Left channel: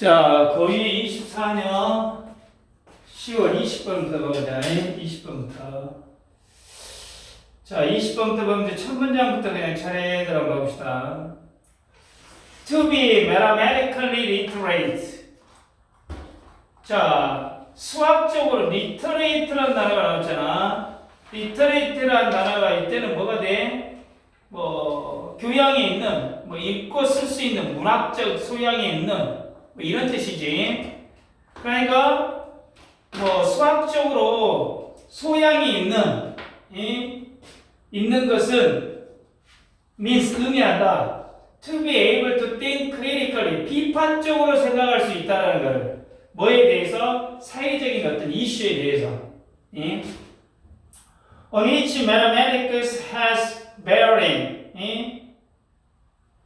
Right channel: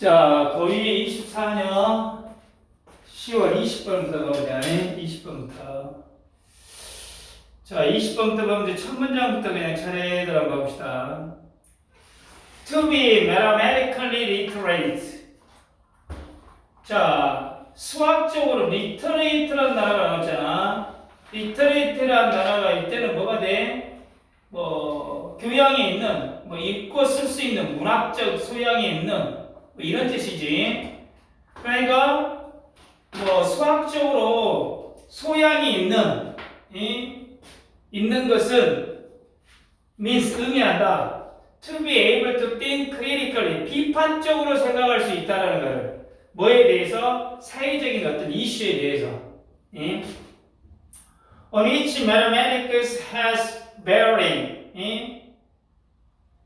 자, 고2 24년 10월 20번부터 보자. 20번부터. 자, 20번부터 보면 이제 첫 문장부터 그냥 차례대로 한번 봅시다. To be mathematically literate. 자, 수학적으로 literate라는 단어가 나왔잖아. literate라는 단어가 이때는 뭐가 돼? 뭐 교양이 있는, 뭐 읽고 쓸 수 있는 문학적 소양이 있는 뭐 이런 뜻이지. 그러니까 뭐 수학적으로 소양이 있는 이, 있는 것은 means 의미한다. To be able to think critically 비판적으로 생각할 수 있다라는 걸 뭐에 대해서 사회적인 어떤 이슈에 대해서 예? on which mathematics has bearing 예?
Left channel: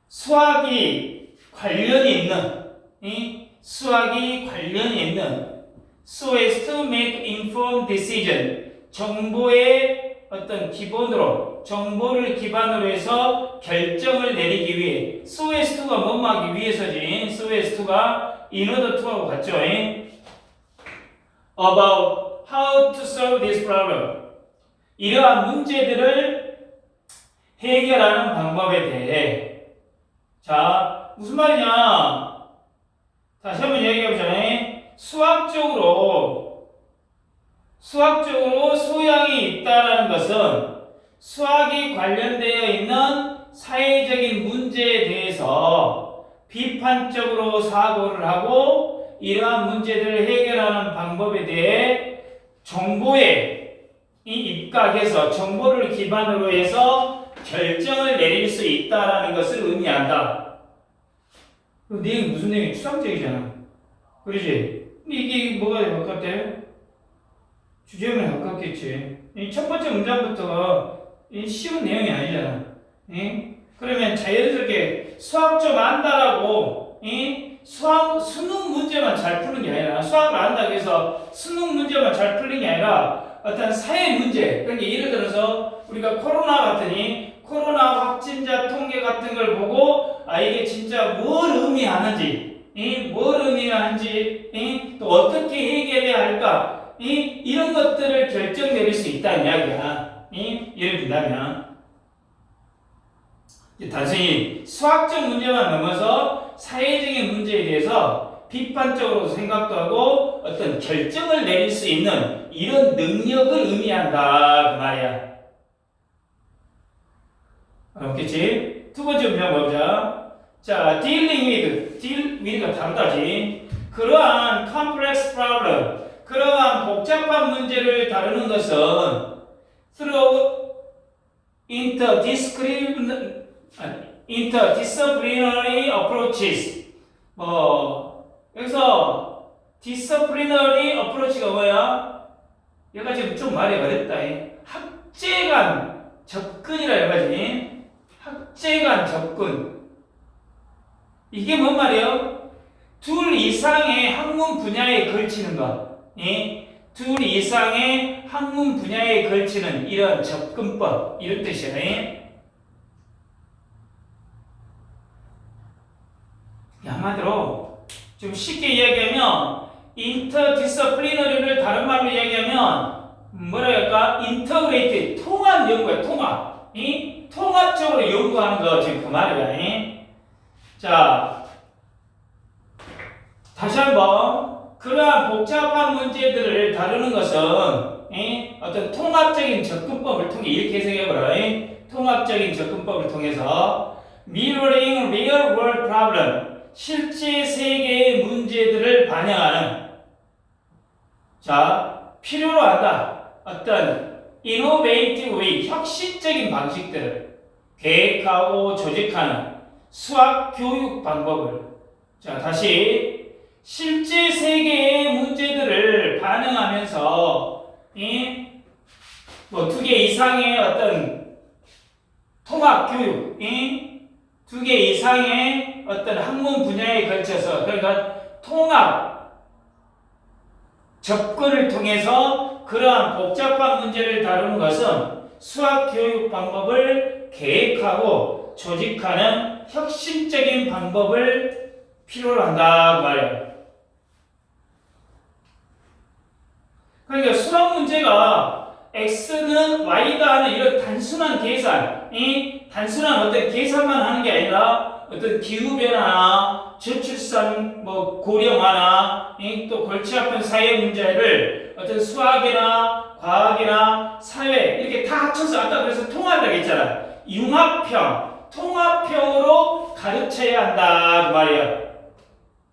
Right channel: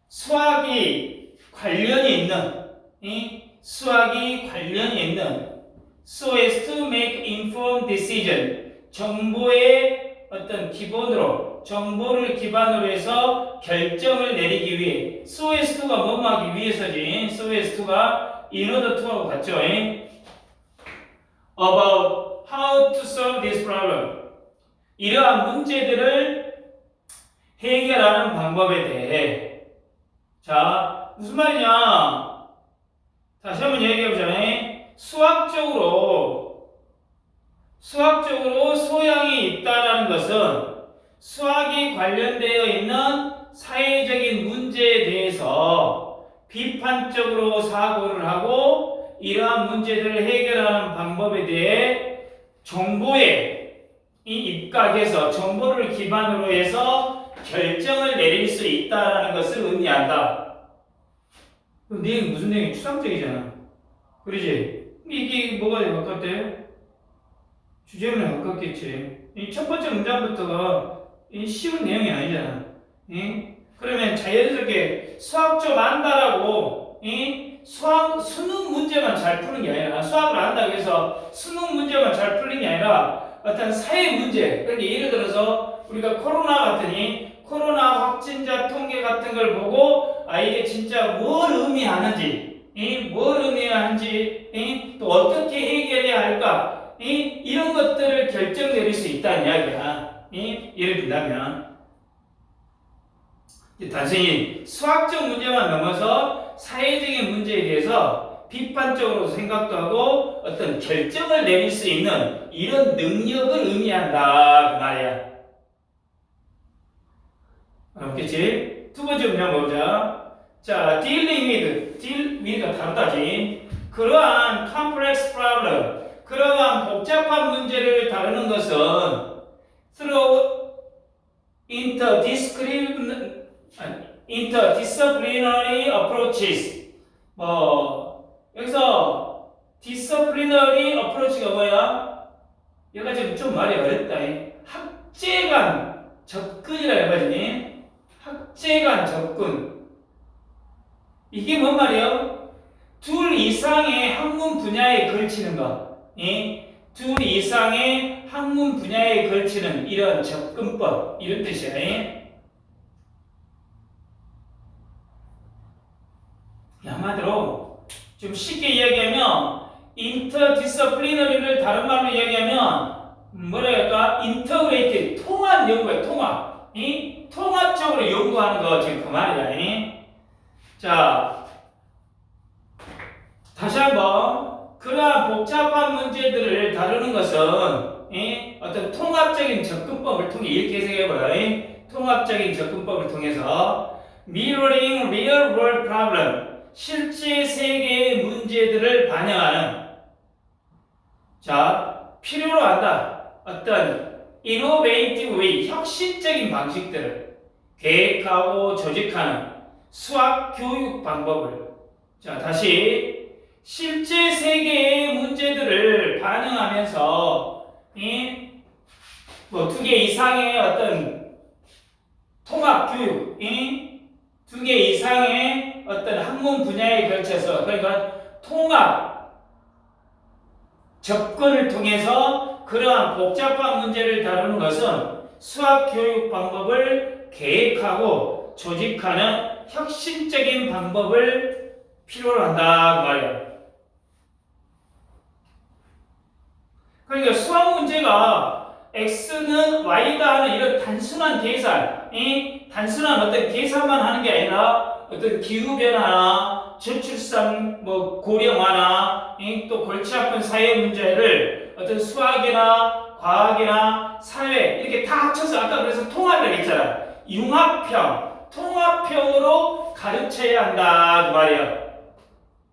수학이 관련이 있는 이 수학이 관련이 있는 so as to make informed decision 정보의 어떤 기본으로 정보를 기반으로 해서 결정을 내리기 위해 so as to가 뭐뭐 하기 위해서지 so as to가 in order to하고 같죠 예? about how to solve this problem 이러한 문제들을 해결하는 방법에 대해 자 무슨 말이냐 다시 한번 얘기해보자. 수학적으로 수학적으로 소양이 있다라는 것은 수학이 관련되어 있는 사회적인 문제에 대해서 비판적으로 사고를 하고 이러한 문제들을 해결하는 방법에 대해 정보에 이 입각해서 정보를 기반으로 해서 결정을 내릴 수 있다라는 것을 의미한다. 그 내용 무슨 내용이 추상적이잖아. 그러지? 이게 뭐가 가깝대? 주제문에 가깝겠지. 이 첫 번째 문장부터가 이 쉬운 내용이 아니잖아. 이? 그러면 자연스럽게 수학 좀 안다라고 이? 수학 수능 문제만 잘 푸는 게 아니라 수학을 안다고 해서 수능 문제만 잘 푸는 게 아니라 어떤 사회 문제 그러니까 예를 들어서 우리가 코로나 같으니 코로나 확진자 통계 같은 걸 보고 아 이게 진짜 뭘 의미하는지 이, 뭘 의미하는지 이, 또 어떻게 해결해야 할까? 이, 이런 것들을 결정 내릴 수 있다는 이야기야 이, 예를 이제 단순히 수학적 문제만 넘어서 사회적인 문제에 대해서 비판적으로 생각도 하고 어떤 결정을 내릴 수 있는 이런 능력을 의미한다 그 말이야. 알겠지? 두 번째 문장 보자. 자, dealing with, deal with가 다르다지. 그러한 complex problem, 그러한 복잡한 문제를 다루는 것은 through interdisciplinary, interdisciplinary approaches. 뭐, 여기서 disciplinary approach가 뭐야? 여기가 지금 좀 말이 어렵다. 학제 간 접근이라 해가지고 학제간 접근. 이게 뭔 말이에요? 둘 이상의 학문 분야에 걸치는 것. 예? 둘 이상의 학문 분야에 걸치는 이런 접근법. 이런 뜻이에요. 예? 한마디로 좀 쉽게 이야기하면 인터디스플리너리를 다른 말로 이야기하면 뭐라 할까? 인터그레이트 통합 연구야 통합. 이 통합적으로 연구하는 거 지금 그 말이다. 자, 다시 한번 그러한 복잡한 문제들을 다루는 것은 이 어떤 통합적인 접근법을 통해 이렇게 해석해보라. 이 통합적인 접근법을 통해서 mirroring real 실제 세계의 문제들을 반영하는 자 필요로 한다 어떤 innovative 혁신적인 방식들을 계획하고 조직하는 수학 교육 방법을. 자 다시. 실제 세계의 문제들을 반영하면서 이뭐두 개 이상의 어떤 통합 교육 이두 개 이상의 어떤 학문 분야에 걸쳐서 그러니까 통합 접근을 통해서 그러한 복잡한 문제를 다루는 것은 수학 교육 방법을 계획하고 조직하는 혁신적인 방법을 필요로 한다 그 말이야. 그러니까 수학 문제가 x는 y다 하는 이런 단순한 계산, 이 단순한 어떤 계산만 하는 게 아니라 어떤 기후 변화나 저출산 뭐 고령화나 이또 골치 아픈 사회 문제를 어떤 수학이나 과학이나 사회 이렇게 다 합쳐서 아까 그래서 통합을 했잖아. 융합형, 통합형으로 가르쳐야 한다 그 말이야.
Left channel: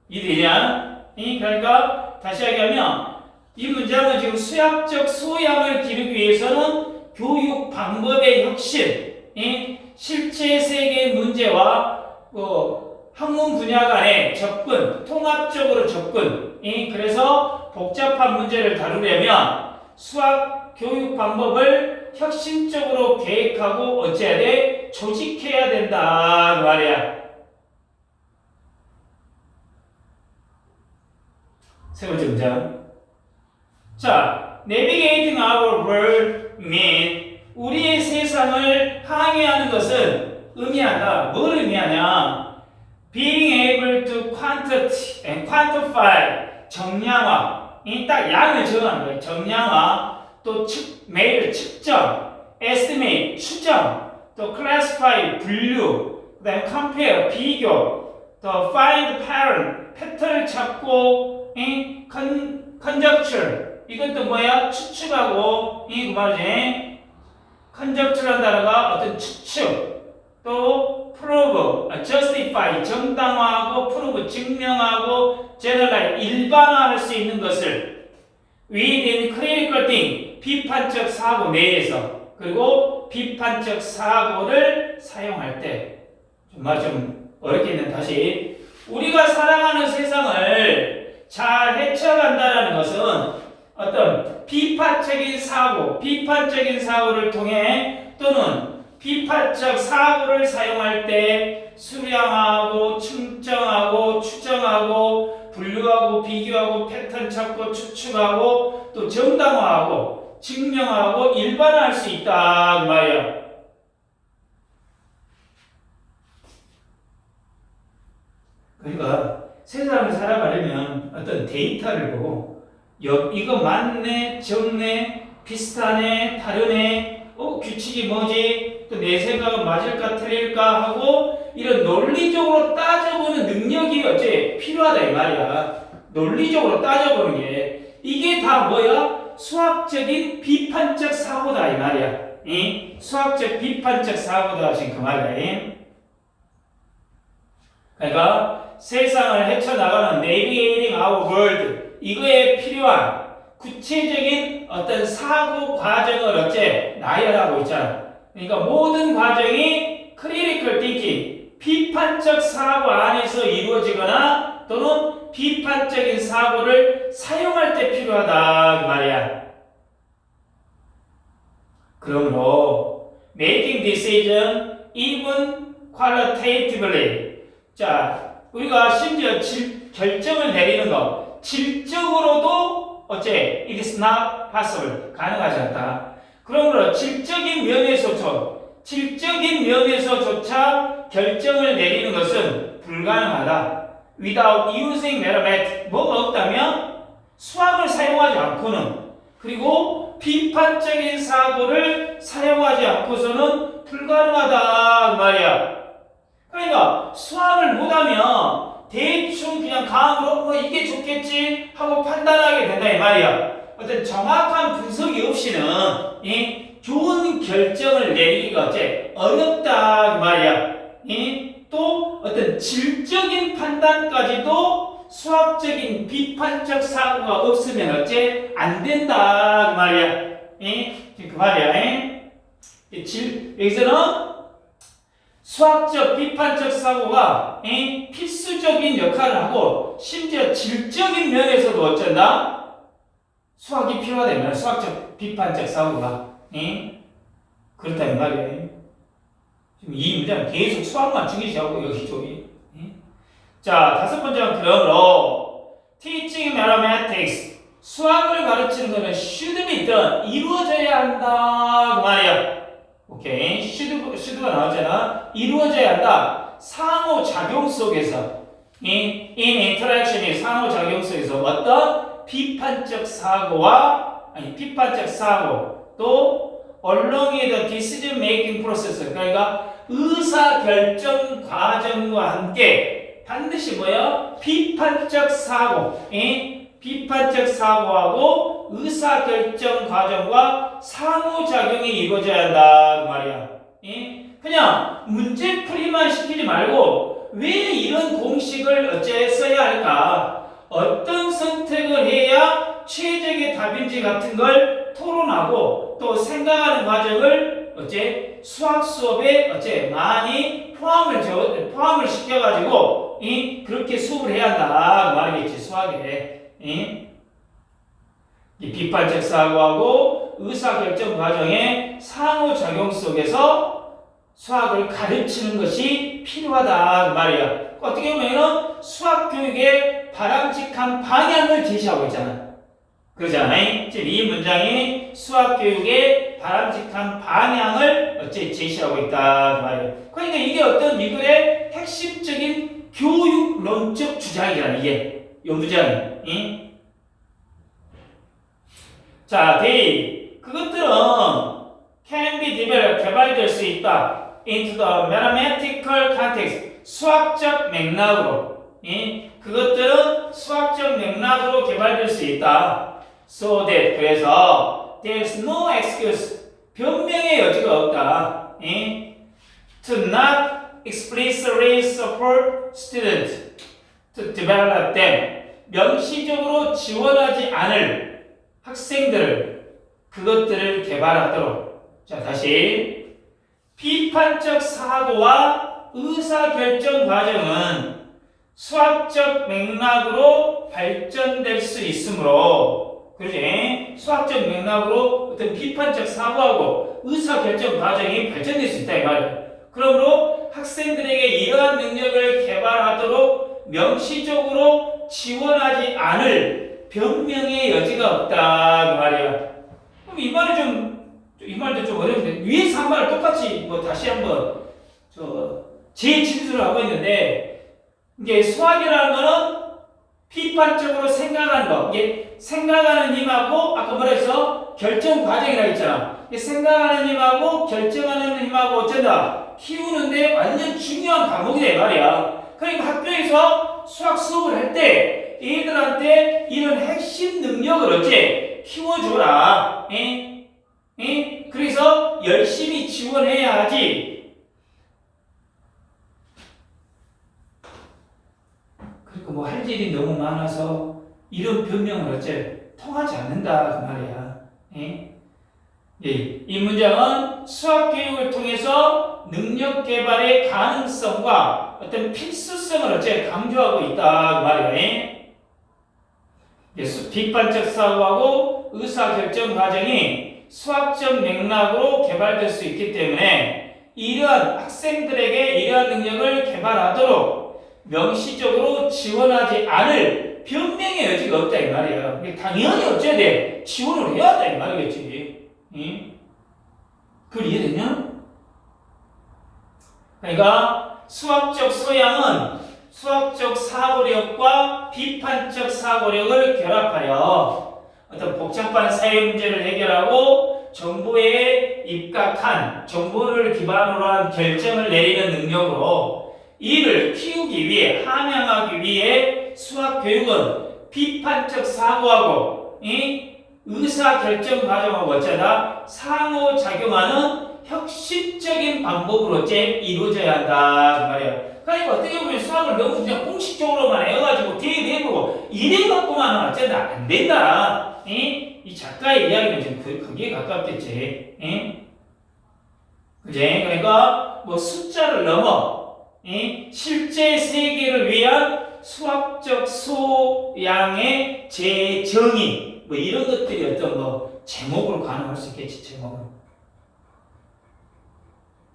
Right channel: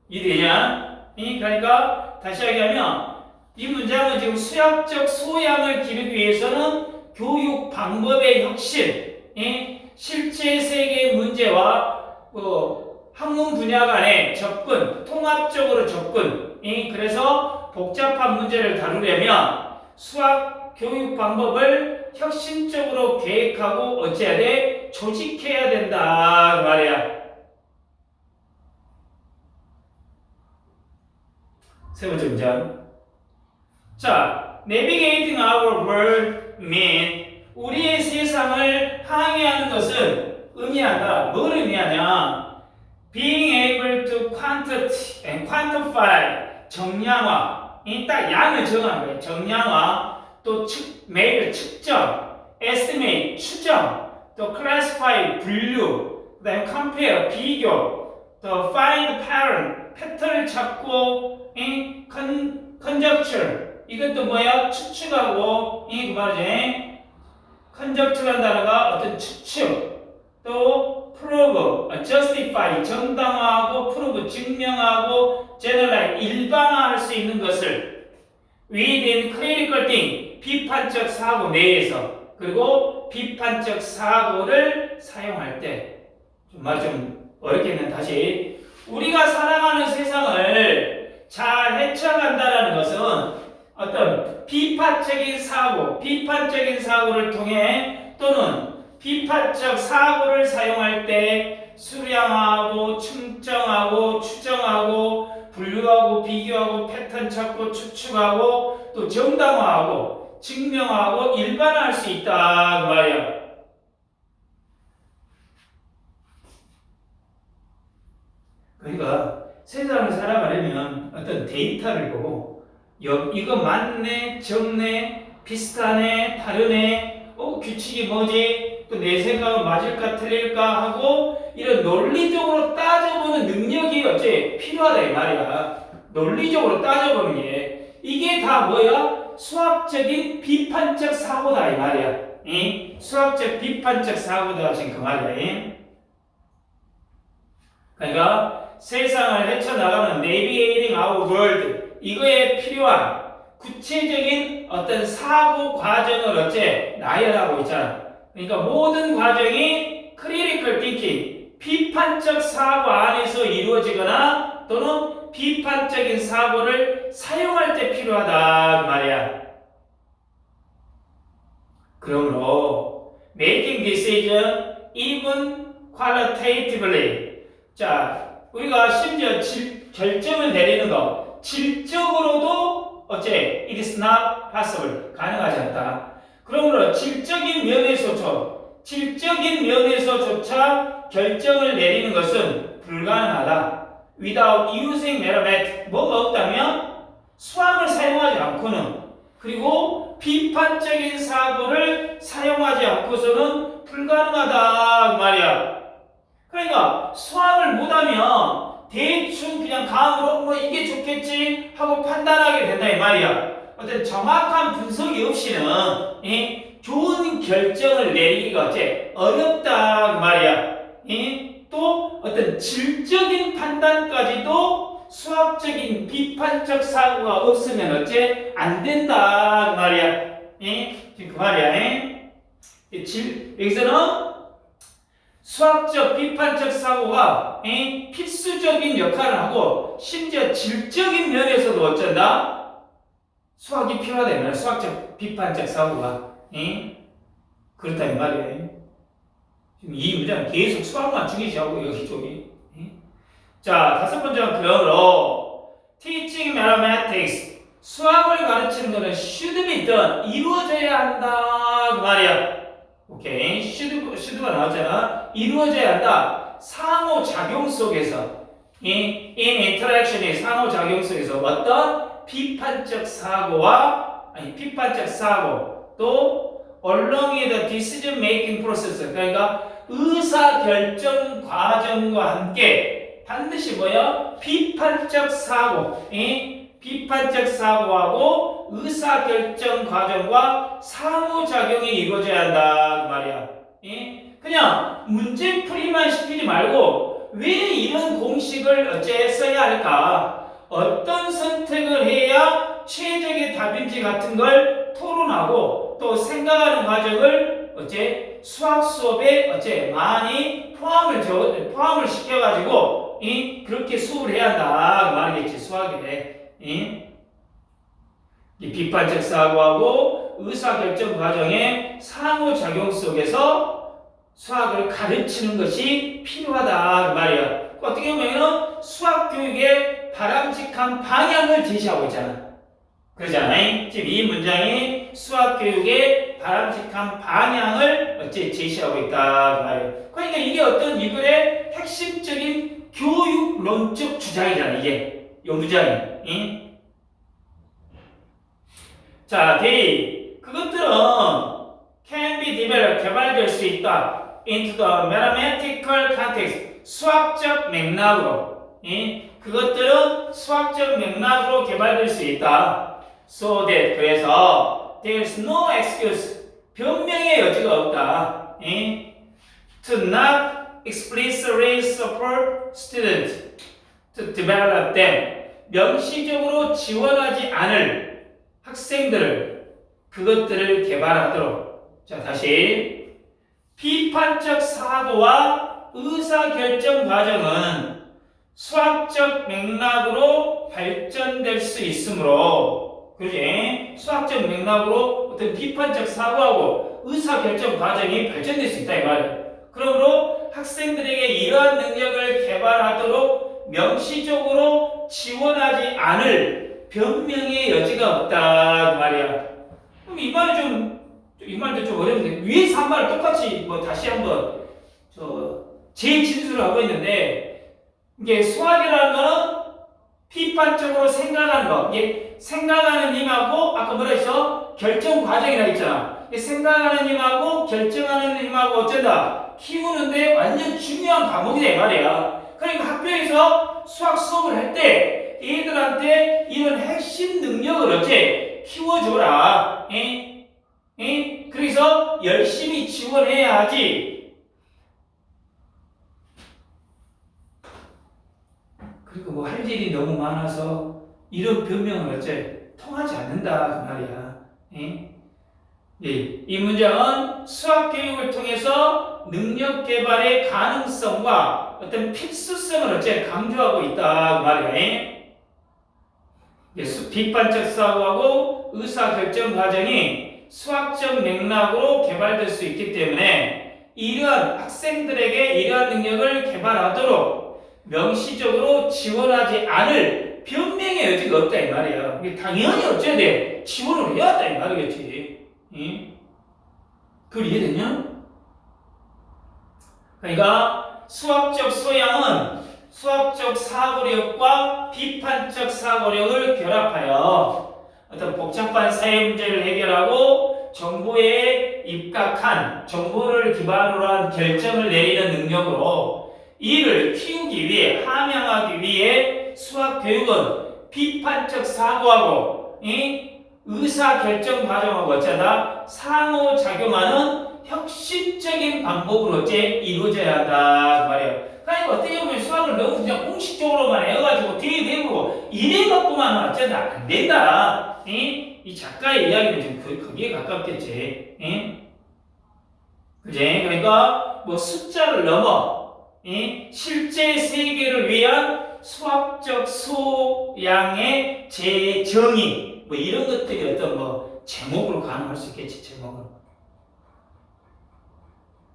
이해되냐? 이 그러니까 다시 얘기하면 이 문장은 지금 수학적 소양을 기르기 위해서는 교육 방법의 혁신, 이 실제 세계 문제와 어, 학문 분야 간의 접근, 통합적으로 접근, 이 그래서 복잡한 문제를 다루려면 수학 교육 방법을 혁신적으로 계획하고 어찌해야 돼? 조직해야 된다 그 말이야. 세 번째 문장. 자, navigating our world mean 우리의 세상을 항해하는 것은 의미한다. 뭘 의미하냐? Being able to quantify 정량화. 이딱 양을 정하는 거예요. 정량화, 또 측, 매일 측정, estimate 추정, 또 classify 분류, 그 다음에 compare 비교, 또 find pattern 패턴을 찾고, 이 con, conjecture 이것도 뭐야? 추측하고 이그 말이지. conjecture라는 단어가 어떤 추측, 또 prove, 아, justify 정당화하고 prove 증명하고 generalize 일반화할 수 있는 것을 within critical think 비판적 사고 내에서 그리고 비판적 사고를 사용할 때. 정말 좀 어렵겠는 다시. 우리가 살아가는 세상을 잘 헤쳐간다는 것은 어떤 비판적인 사고, 비판적인 사고를 통해 또는 비판적 사고를 사용할 때 수량하고 측정하고 추정하고 분류하고 비교하고 패턴 찾고 추측하고 또 정당화하고 증명하고 일반화할 수 있다 그 말이야. 그러니까 세상을 살아가려면 어떤 데이터를 보고 여, 이거 맞네, 적네, 비슷하네, 다르네, 어, 규칙이 뭐지? 또 내 생각은 맞을까 틀릴까 하고 이런 논리적으로 따져보는 능력이 어째 필요하다 이 말이야. 논리적으로 따져보는 게 이게 다 뭐야? 수학적인 비판적 사고다 이 말이야. 이 수학적 비판적 사고다 지금 그 말이야. 이. 그러니까 세상을 헤쳐나가는 navigating our world 이거에 필요한 구체적인 어떤 사고 과정을 어째 나열하고 있잖아. 그러니까 모든 과정이 critical thinking, 비판적 사고 안에서 이루어지거나 또는 비판적인 사고를 사용할 때 필요하다 그 말이야. 그러므로 making decision even qualitatively 자 우리가 심지어 질, 결정을 내리는 거 질적으로도 어째 it is not possible 가능하지 않다. 그러므로 질적인 면에서조 질적인 면에서조차 결정을 내리는 것은 불가능하다. Without using mathematics 뭐가 없다면 수학을 사용하지 않고는 그리고 비판적인 사고를 사용하지 않고서는 불가능하다 그 말이야. 그러니까 수학을 못하면 대충 그냥 감으로 뭐 이게 좋겠지 하고 판단하게 된다 이 말이야. 어떤 정확한 분석이 없이는 이 좋은 결정을 내리기가 어째 어렵다 그 말이야. 이또 어떤 질적인 판단까지도 수학적인 비판적 사고가 없으면 어째 안 된다 그 말이야. 이 지금 그 말이야. 이 질, 여기서는 수학적 비판적 사고가 이 필수적인 역할을 하고 심지어 질적인 면에서도 어쩐다 수학이 필요하다면 수학적 비판적 사고가 이 그렇다 이 말이에요. 지금 이 문장은 계속 수학만 중요시하고 여기 쪽이 이? 자 다섯 번째는 그러므로 teaching mathematics 수학을 가르치는 것은 be done 이루어져야 한다 그 말이야. 오케이. 슈드, 슈드가 나왔잖아. 이루어져야 한다. 상호작용 속에서. 이 in interaction의 상호작용 속에서 어떤 비판적 사고와 아니 비판적 사고 또 along the decision making process 그러니까 의사 결정 과정과 함께 반드시 뭐야 비판적 사고 이 비판적 사고하고 의사 결정 과정과 상호작용이 이루어져야 한다 그 말이야. 이 그냥 문제풀이만 시키지 말고 왜 이런 공식을 어째 써야 할까? 어떤 선택을 해야 최적의 답인지 같은 걸 토론하고 또 생각하는 과정을 어째 수학 수업에 어째 많이 포함을 저, 포함을 시켜가지고 이 그렇게 수업을 해야 한다 그 말이겠지 수학에 이, 이 비판적 사고하고 의사결정 과정의 상호작용 속에서 수학을 가르치는 것이 필요하다 그 말이야. 어떻게 보면 수학 교육의 바람직한 방향을 제시하고 있잖아. 그러잖아요. 지금 이 문장이 수학 교육의 바람직한 방향을 어째 제시하고 있다 그 말이에요. 그러니까 이게 어떤 이 글의 핵심적인 교육론적 주장이잖아. 이게 이 문장이. 응? 자, 데이 그것들은 can be developed 개발될 수 있다. into the mathematical context 수학적 맥락으로 예? 그것들은 수학적 맥락으로 개발될 수 있다. So that 그래서 there's no excuse 변명의 여지가 없다. 예? To not explicitly support students to develop them 명시적으로 지원하지 않을 학생들을 그것들을 개발하도록. 자 다시. 비판적 사고와 의사결정 과정은 수학적 맥락으로 발전될 수 있으므로 그지? 수학적 맥락으로 어떤 비판적 사고하고 의사결정 과정이 발전될 수 있다 이 말이야. 그러므로 학생들에게 이러한 능력을 개발하도록 명시적으로 지원하지 않을 변명의 여지가 없다 그 말이야. 그럼 이 말은 좀이 말도 좀 어려운데 위에서 한 말을 똑같이 뭐 다시 한번 저 재진술을 하고 있는데 이게 수학이라는 거는 비판적으로 생각하는 거 이게 생각하는 힘하고 아까 뭐라 했어 결정 과정이라 했잖아. 생각하는 힘하고 결정하는 힘하고 어쩐다 키우는데 완전 중요한 과목이다 이 말이야. 그러니까 학교에서 수학 수업을 할때 얘들한테 이런 핵심 능력을 어째 키워줘라. 에? 에? 그래서 열심히 지원해야 하지. 그리고 뭐 할 일이 너무 많아서 이런 변명은 어째 통하지 않는다 그 말이야. 에? 예, 이 문장은 수학 교육을 통해서 능력 개발의 가능성과 어떤 필수성을 어째 강조하고 있다 그 말이야. 에? 예, 수- 비판적 사고하고 의사 결정 과정이 수학적 맥락으로 개발될 수 있기 때문에 이러한 학생들에게 이러한 능력을 개발하도록 명시적으로 지원하지 않을 변명의 여지가 없다 이 말이야. 당연히 어째야 돼? 지원을 해야 한다 이 말이겠지. 응? 그걸 이해되냐? 그러니까 수학적 소양은 수학적 사고력과 비판적 사고력을 결합하여 어떤 복잡한 사회 문제를 해결하고 정보에 입각한 정보를 기반으로 한 결정을 내리는 능력으로 이를 키우기 위해 함양하기 위해 수학 교육은 비판적 사고하고 이 의사 결정 과정하고 어쩌다 상호 작용하는 혁신적인 방법으로 이루어져야 한다 그 말이에요. 그러니까 어떻게 보면 수학을 너무 그냥 공식적으로만 해가지고 대대고 이래 갖고만 어쩌다 안 된다. 이? 이 작가의 이야기는 지금 그, 거기에 가깝겠지. 이? 그지? 그러니까 뭐 숫자를 넘어 이? 실제 세계를 위한 수학적 소양의 재정의 뭐 이런 것들이 어떤 뭐 제목으로 가능할 수 있겠지 제목으로.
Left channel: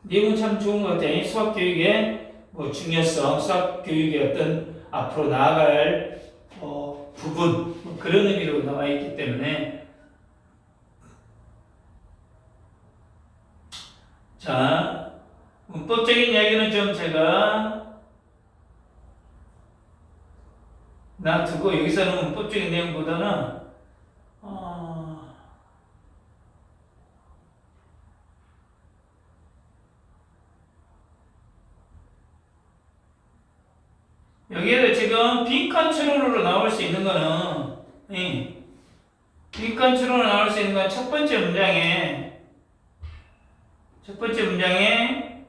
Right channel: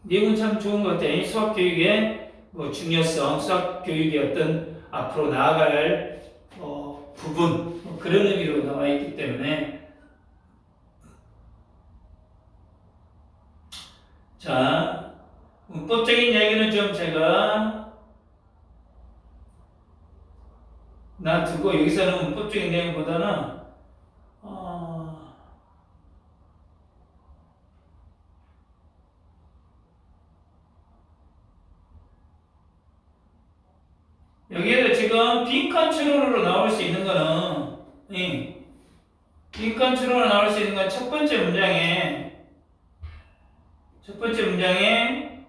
내용은 참 좋은 것 같아요. 수학 교육의 뭐 중요성, 수학 교육의 어떤 앞으로 나아갈 어, 부분 뭐 그런 의미로 나와 있기 때문에 자 문법적인 이야기는 좀 제가 놔두고 여기서는 문법적인 내용보다는 어, 여기에도 지금 빈칸 추론으로 나올 수 있는 거는 예, 빈칸 추론으로 나올 수 있는 건 첫 번째 문장에 첫 번째 문장에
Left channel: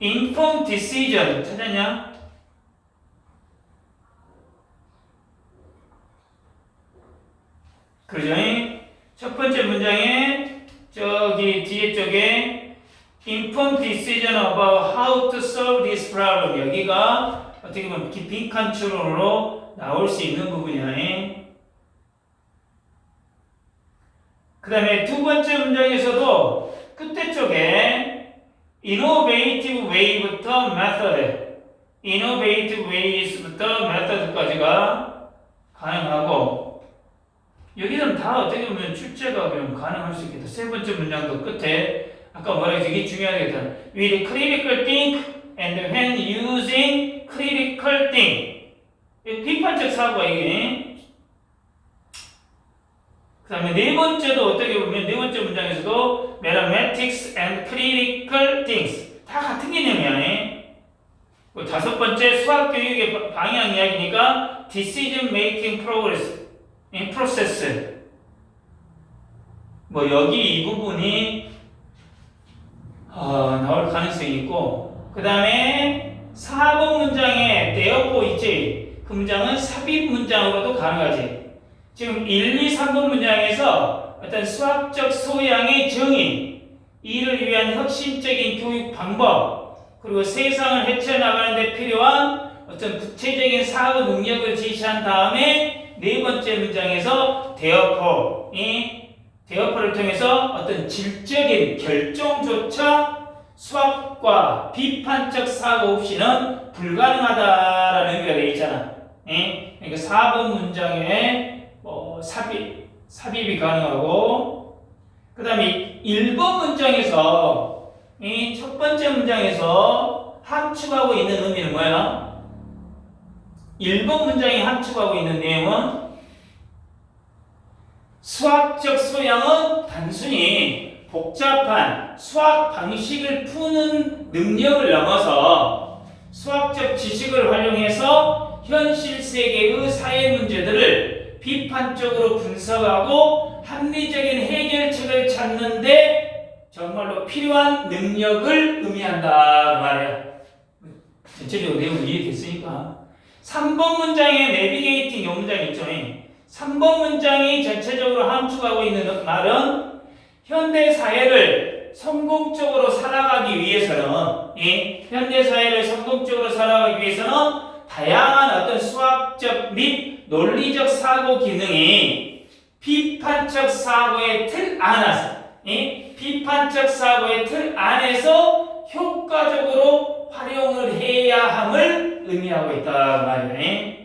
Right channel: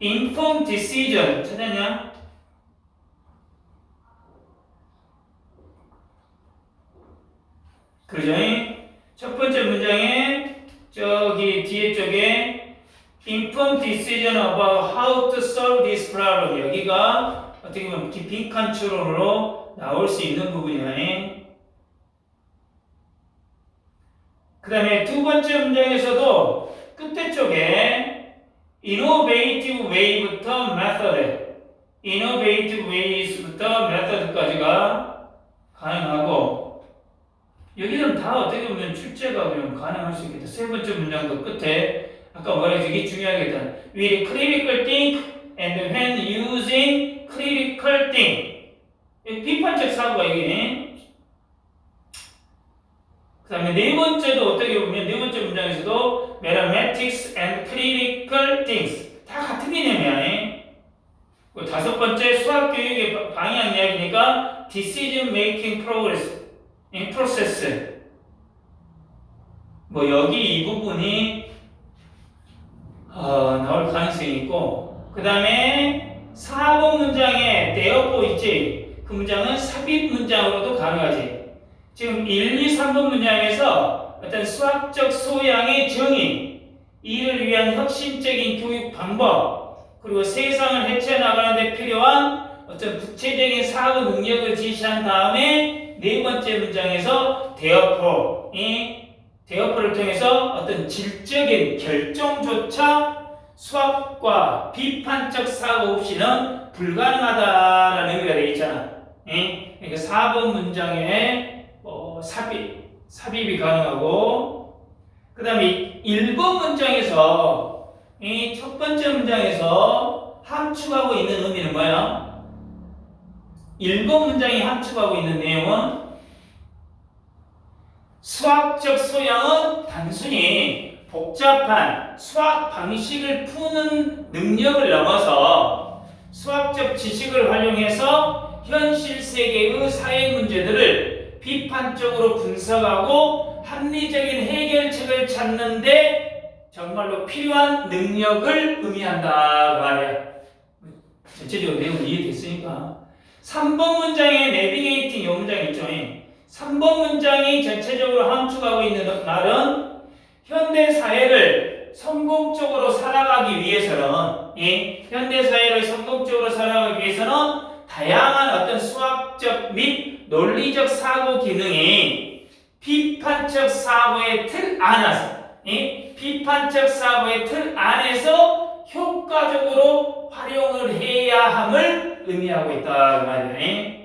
informed decision 찾았냐? 그러죠? 첫 번째 문장에 저기 뒤에 쪽에 informed decision about how to solve this problem 여기가 어떻게 보면 빈칸 추론으로 나올 수 있는 부분이야. 그 다음에 두 번째 문장에서도 끝에 쪽에 innovative way부터 method, innovative ways부터 method까지가 가능하고 여기는 다 어떻게 보면 출제가 그냥 가능할 수 있겠다. 세 번째 문장도 끝에 아까 뭐라 이게 중요하겠다. With critical think and when using critical think 비판적 사고가 이게 그 다음에 네 번째도 어떻게 보면 네 번째 문장에서도 mathematics and critical things 다 같은 개념이야. 그 다섯 번째 수학 교육의 바- 방향 이야기니까 decision making progress, 이 process. 뭐 여기 이 부분이 어, 나올 가능성이 있고 그 다음에 4번 문장에 대어보 있지. 그 문장은 삽입 문장으로도 가능하지. 지금 1, 2, 3번 문장에서 어떤 수학적 소양의 정의, 이를 위한 혁신적인 교육 방법, 그리고 세상을 헤쳐나가는 데 필요한 어떤 구체적인 사고 능력을 제시한 다음에 네 번째 문장에서 대어포, 이 대어포를 통해서 어떤 질적인 결정조차 수학과 비판적 사고 없이는 불가능하다라는 의미가 되어 있잖아. 예? 그러니까 4번 문장에 뭐 삽입, 삽입이 가능하고 그 다음에 1번 문장에서 이 첫 번째 문장에서 함축하고 있는 의미는 뭐예요? 1번 문장이 함축하고 있는 내용은 수학적 소양은 단순히 복잡한 수학 방식을 푸는 능력을 넘어서 수학적 지식을 활용해서 현실 세계의 사회 문제들을 비판적으로 분석하고 합리적인 해결책을 찾는데 정말로 필요한 능력을 의미한다 그 말이야. 전체적으로 내용 이해됐으니까 3번 문장에 내비게이팅 요 문장 있죠. 3번 문장이 전체적으로 함축하고 있는 말은 현대 사회를 성공적으로 살아가기 위해서는 이 현대 사회를 성공적으로 살아가기 위해서는 다양한 어떤 수학적 및 논리적 사고 기능이 비판적 사고의 틀 안에서 이 비판적 사고의 틀 안에서 효과적으로 활용을 해야 함을 의미하고 있다 그 말이네.